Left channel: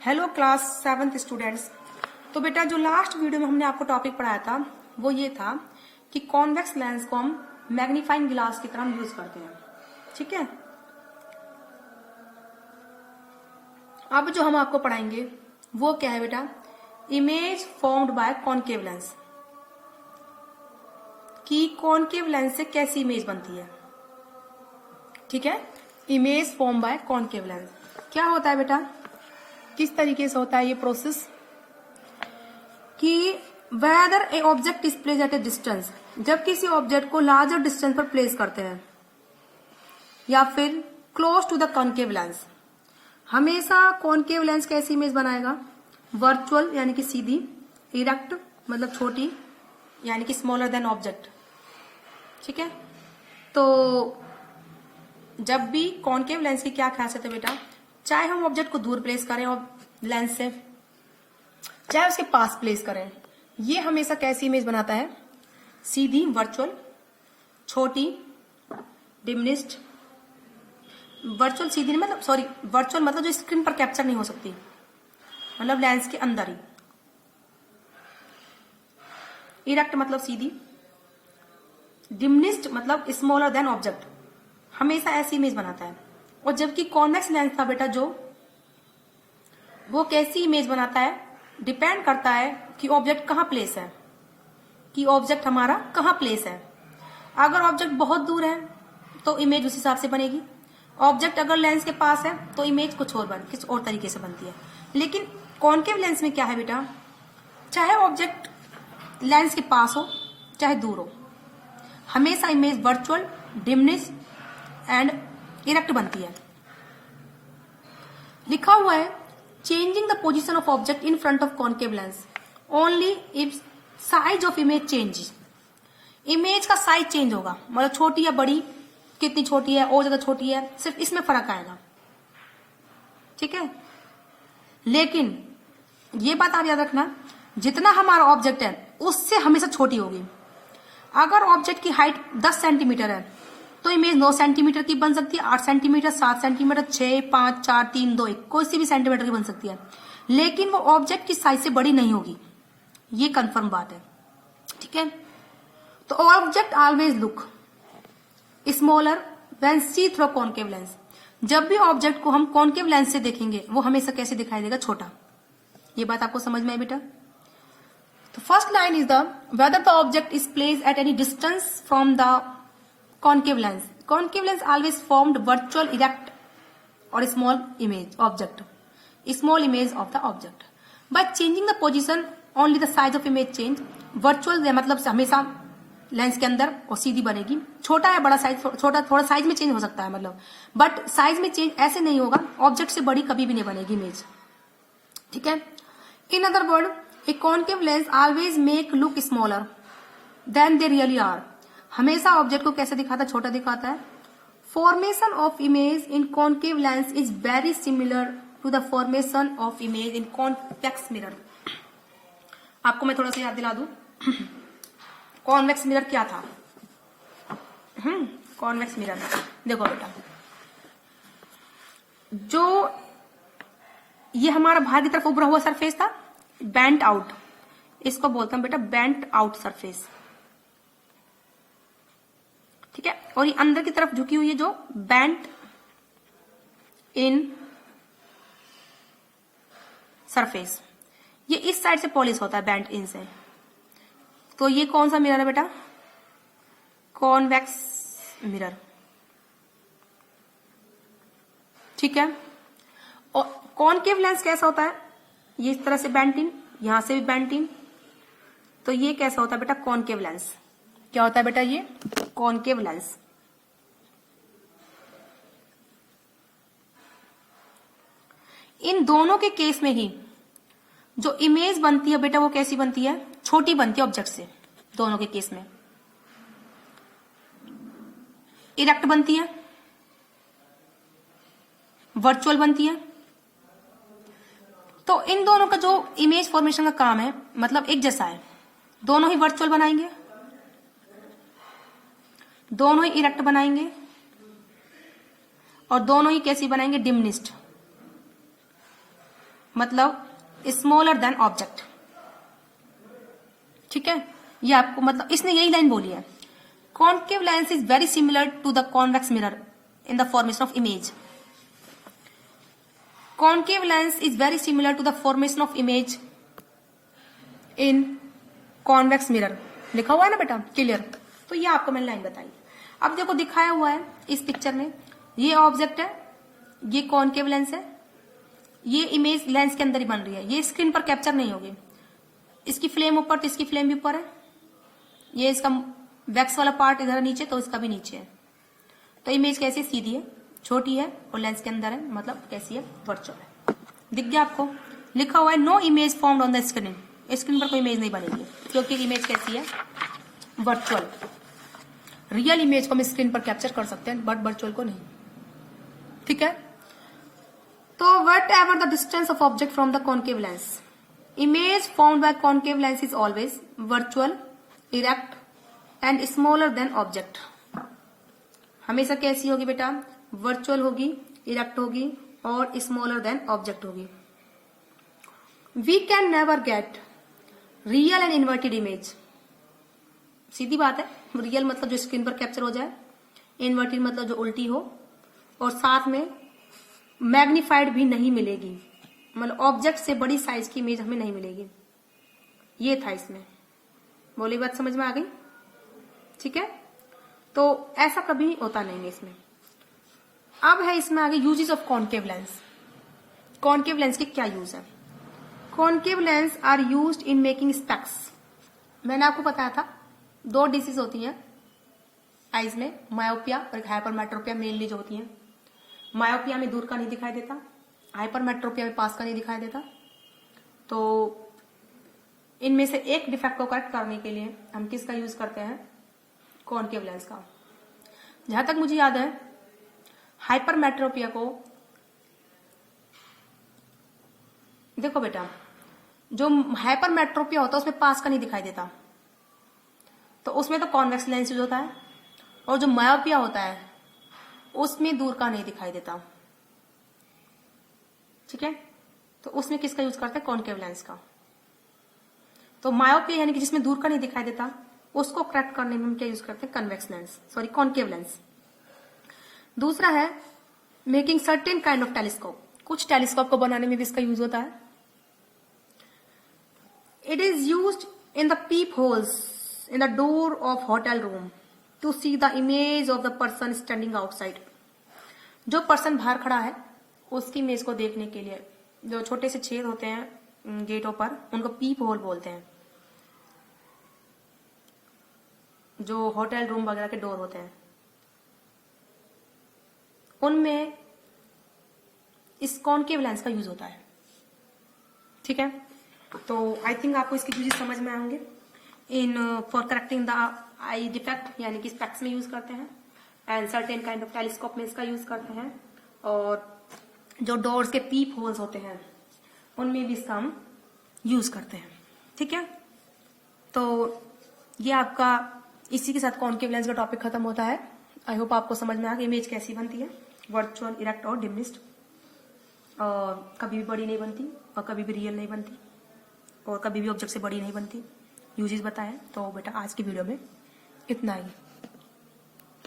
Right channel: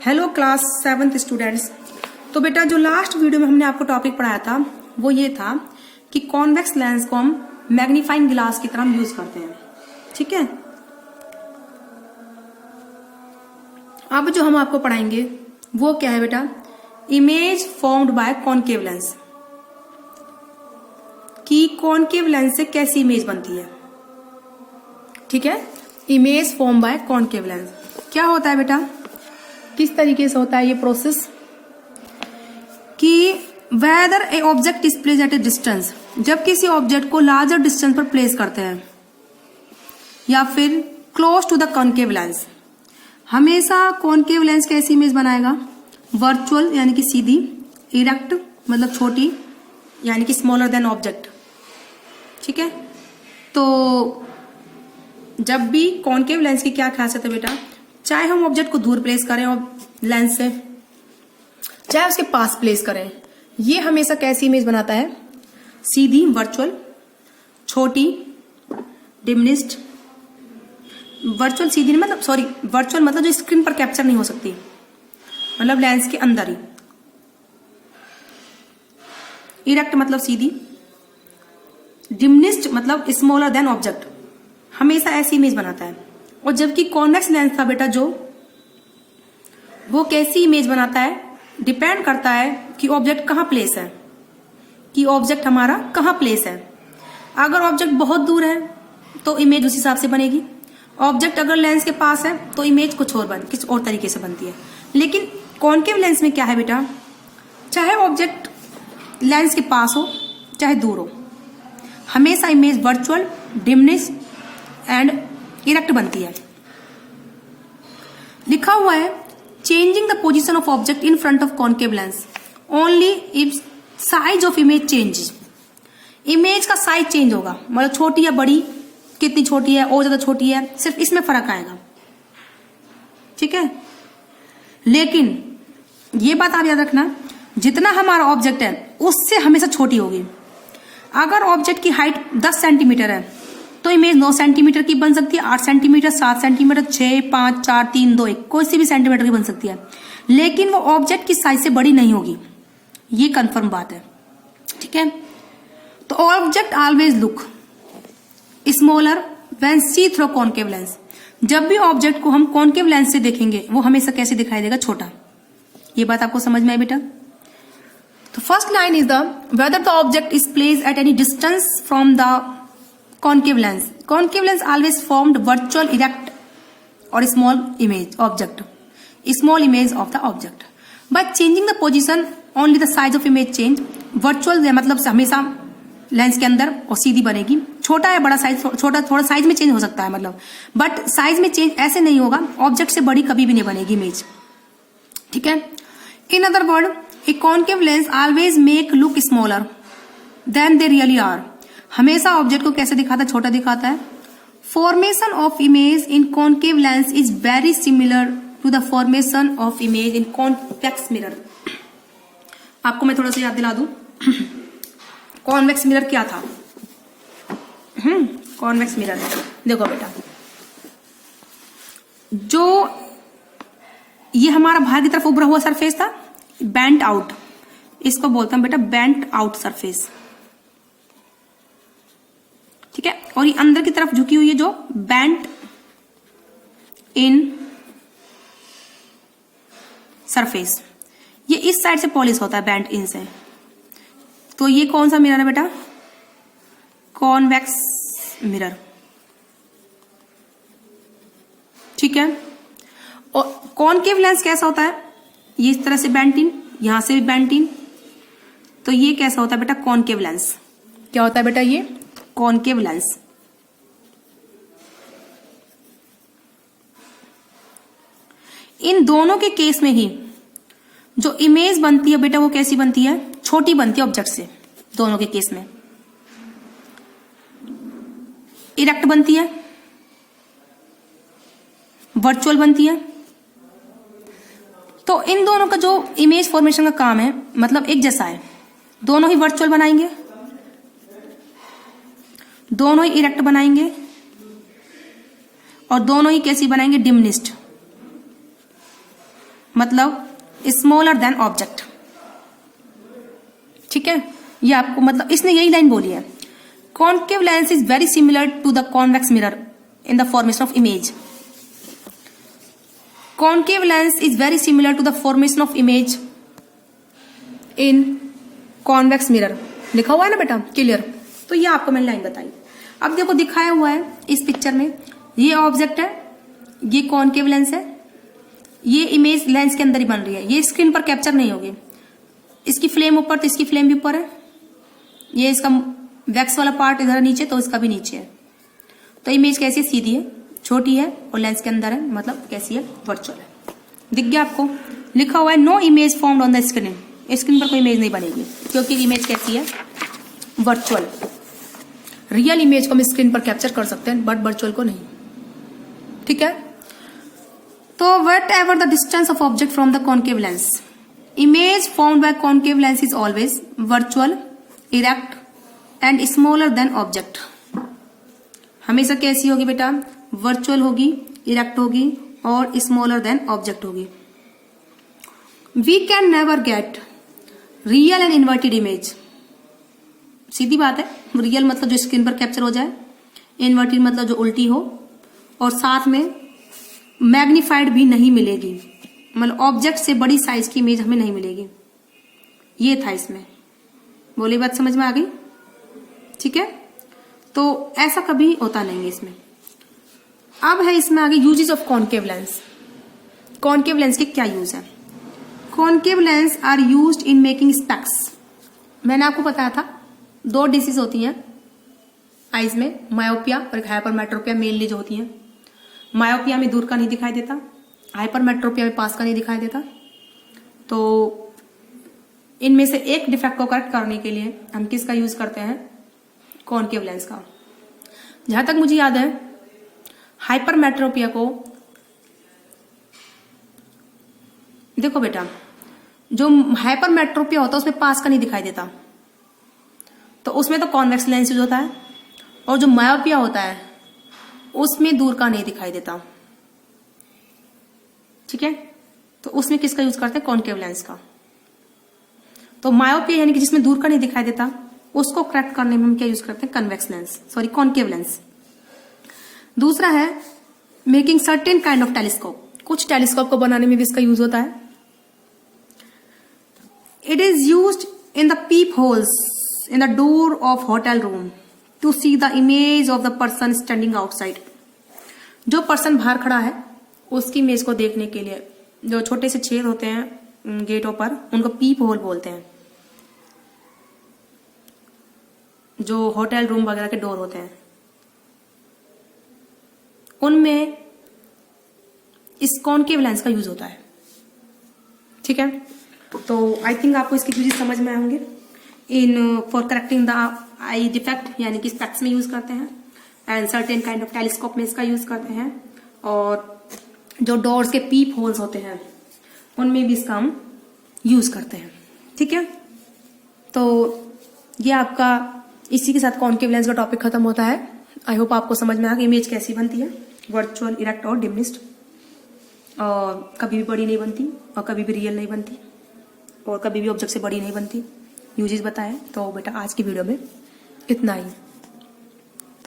Hello class 7th students. तो बेटा जो लास्ट वीडियो में हमने आपको टॉपिक पढ़ाया था वो ये था कि कॉन्वेक्स लेंस को हम मैग्नीफाइंग ग्लास की तरह यूज करते हैं। ठीक है, अब जो हम आपको पढ़ाएंगे वो क्या है बेटा, image formed bye concave lens, कि कॉनकेव लेंस से कैसी इमेज बनती है। ठीक है, image form by concave lens क्या होता है बेटा, किस तरीके से होता है ये प्रोसेस, कि whether a object is place at a distance, जब किसी ऑब्जेक्ट को लार्जर डिस्टेंस पर प्लेस करते हैं, या फिर close to the concave lens, हमेशा कॉनकेव लेंस कैसी इमेज बनाएगा, वर्चुअल यानी कि सीधी, इरेक्ट मतलब छोटी यानी कि स्मॉलर देन ऑब्जेक्ट। ठीक है, तो जब भी कॉनकेव लेंस की क्या खासियत है बेटा, चाहे हम ऑब्जेक्ट को दूर प्लेस करें और लेंस से, चाहे उसके पास प्लेस करें, ये हमेशा कैसी इमेज बनाता है, सीधी वर्चुअल, छोटी डिमिनिश्ड, वर्चुअल सीधी नहीं मतलब सॉरी वर्चुअल मतलब जो स्क्रीन पर कैप्चर नहीं हो सकती, मतलब लेंस के अंदर ही, इरेक्ट मतलब सीधी, डिमिनिश्ड मतलब स्मॉलर देन ऑब्जेक्ट, हमेशा ऐसी इमेज बनाता है। और जबकि कॉन्वेक्स लेंस था बेटा जो, वो कैसी इमेज बनाता है, डिपेंड करता है कि ऑब्जेक्ट कहाँ प्लेस है, कि ऑब्जेक्ट हमारा कहाँ प्लेस है। अगर ऑब्जेक्ट बहुत दूर है तो इमेज उस हिसाब से बनेगी, ऑब्जेक्ट अगर लेंस के पास है तो इमेज कुछ और तरीके से बनती है। लेकिन कॉनकेव लेंस में क्या है बेटा, चाहे ऑब्जेक्ट लेंस के पास हो चाहे दूर हो, हमेशा image virtual, diminish and erect बनती है। लिखा हुआ है changing the position of object in front of concave lens only if size of image changes, image का साइज चेंज होगा, मतलब छोटी या बड़ी, कितनी छोटी है और ज्यादा छोटी है, सिर्फ इसमें फर्क आएगा। ठीक है, लेकिन ये बात आप याद रखना, जितना हमारा ऑब्जेक्ट है उससे हमेशा छोटी होगी। अगर ऑब्जेक्ट की हाइट 10 सेंटीमीटर है तो इमेज 9 सेंटीमीटर की बन सकती है, 8 सेंटीमीटर, 7 सेंटीमीटर, 6, 5, 4, 3, 2, 1, कोई सी भी सेंटीमीटर की बन सकती है, लेकिन वो ऑब्जेक्ट की साइज से बड़ी नहीं होगी, ये कंफर्म बात है। ठीक है, तो object always look smaller when see through concave lens, जब भी ऑब्जेक्ट को हम कॉनकेव लेंस से देखेंगे वो हमेशा कैसे दिखाई देगा, छोटा। ये बात आपको समझ में आई बेटा। तो first line is the whether the object is placed at any distance from the concave lens. Concave lens always formed virtual, erect or small image object, small image of the object. By changing the position, only the size of image change. Virtual मतलब हमेशा lens के अंदर और सीधी बनेगी, छोटा या बड़ा size, छोटा थोड़ा साइज में चेंज हो सकता है मतलब, बट साइज में चेंज ऐसे नहीं होगा, ऑब्जेक्ट से बड़ी कभी भी नहीं बनेगी इमेज। ठीक है, in other word a concave lens always make look smaller than they really are, हमेशा ऑब्जेक्ट को कैसे दिखाता है, छोटा दिखाता है। Formation of image in concave lens is very similar to the formation of image in convex mirror. आपको मैं थोड़ा सा याद दिला दूं, कॉन्वेक्स मिरर क्या था। कॉन्वेक्स मिरर देखो बेटा, जो ये हमारा बाहर की तरफ उभरा हुआ सरफेस था, बेंट आउट, इसको बोलता हूं बेटा बेंट आउट सरफेस। ठीक है, और ये अंदर की तरफ झुकी हुई है जो बेंट इन सरफेस, ये इस साइड से पॉलिश होता है बेंट इन से। तो ये कौन सा मिरर है बेटा, कॉन्वेक्स मिरर। ठीक है, और कॉनकेव लेंस कैसा होता है, ये इस तरह से बेंट इन, यहां से भी बेंट इन, तो ये कैसा होता है बेटा, कॉनकेव लेंस। क्या होता है बेटा, ये कॉनकेव लेंस। इन दोनों के केस में ही जो इमेज बनती है बेटा वो कैसी बनती है, छोटी बनती है ऑब्जेक्ट से। दोनों के केस में इरेक्ट बनती है, वर्चुअल बनती है। तो इन दोनों का जो इमेज फॉर्मेशन का काम है मतलब एक जैसा है, दोनों ही वर्चुअल बनाएंगे, दोनों ही इरेक्ट बनाएंगे और दोनों ही कैसी बनाएंगे, डिमिनिश्ड। मतलब स्मॉलर देन ऑब्जेक्ट। ठीक है, ये आपको मतलब इसने यही लाइन बोली है, concave lens is very similar to the convex mirror in the formation of image. Concave lens is very similar to the formation of image in convex mirror, लिखा हुआ है ना बेटा, क्लियर। तो ये आपको मैंने लाइन बताई। अब देखो दिखाया हुआ है इस पिक्चर में, ये ऑब्जेक्ट है, ये कॉन्केव लेंस है, ये इमेज लेंस के अंदर ही बन रही है, ये स्क्रीन पर कैप्चर नहीं होगी। इसकी फ्लेम ऊपर तो इसकी फ्लेम भी ऊपर है, ये इसका वैक्स वाला पार्ट इधर नीचे तो इसका भी नीचे है। तो इमेज कैसी है, सीधी है, छोटी है और लेंस के अंदर है, मतलब कैसी है, वर्चुअल है। दिख गया आपको, लिखा हुआ है no image formed on the screen, screen पर कोई इमेज नहीं बनेगी क्योंकि इमेज कैसी है, वर्चुअल। रियल इमेज को हम स्क्रीन पर कैप्चर कर सकते हैं बट वर्चुअल को नहीं। ठीक है, तो whatever the distance of object from the concave lens, image formed by concave lens is always virtual, erect and smaller than object. हमेशा कैसी होगी बेटा, वर्चुअल होगी, इरेक्ट होगी और स्मॉलर देन ऑब्जेक्ट होगी। We can never get real and inverted image. सीधी बात है, रियल मतलब जो स्क्रीन पर कैप्चर हो जाए, इन्वर्टेड मतलब जो उल्टी हो, और साथ में मैग्नीफाइड भी नहीं मिलेगी, मतलब ऑब्जेक्ट से बड़ी साइज की इमेज हमें नहीं मिलेगी। ये था इसमें, बोली बात समझ में आ गई। ठीक है, तो ऐसा कभी होता नहीं है इसमें। अब है इसमें आगे uses of concave lens. Concave lens के क्या यूज है? Concave lens are used in making specs. मैंने आपको बताया था 2 डिसीज होती हैं आइज में, मायोपिया और हाइपरमेट्रोपिया मेनली जो होती हैं। मायोपिया में दूर का नहीं दिखाई देता, हाइपरमेट्रोपिया में पास का नहीं दिखाई देता। तो इनमें से एक डिफेक्ट को करेक्ट करने के लिए हम किसका यूज करते हैं? कॉन्केव लेंस का। जहां तक मुझे याद है हाइपरमेट्रोपिया को, देखो बेटा, जो हाइपरमेट्रोपिया होता है उसमें पास का नहीं दिखाई देता, तो उसमें तो कॉन्वेक्स लेंस यूज होता है। और जो मायोपिया होता है उसमें दूर का नहीं दिखाई देता। ठीक है, तो उसमें किसका यूज करते हैं? कॉन्केव लेंस का। तो मायोपिया यानी कि जिसमें दूर का नहीं दिखाई देता, उसको करेक्ट करने में हम क्या यूज करते हैं? Convex lens, sorry concave lens. दूसरा है making certain kind of telescope. कुछ टेलीस्कोप को बनाने में भी इसका यूज होता है। It is used in the peep holes in the door of hotel room to see the image of the person standing outside. जो पर्सन बाहर खड़ा है उसकी इमेज को देखने के लिए जो छोटे से छेद होते हैं गेटों पर, उनको पीप होल बोलते हैं। जो होटल रूम वगैरह के डोर होते हैं उनमें इस कॉन्केव लेंस का यूज होता है। ठीक है, तो आई थिंक आपको इसकी यूजेस समझ में आएंगे। In for correcting the I defect यानी कि स्पेक्स में यूज करते हैं, and certain kind of telescope में इसका यूज करते हैं, और जो डोर्स के पीप होल्स होते हैं उनमें भी इसका हम यूज करते हैं। ठीक है, तो ये आपका इसी के साथ कॉन्केव लेंस का टॉपिक खत्म होता है। आई होप आपको समझ में आ गया इमेज कैसी बनती है, वर्चुअल, इरेक्ट और डिमिनिश्ड। कभी भी बड़ी नहीं बनती और कभी भी रियल नहीं बनती और कभी भी ऑब्जेक्ट से बड़ी नहीं बनती। यूजेस बताएं। तो बेटा आज की वीडियो में इतना ही।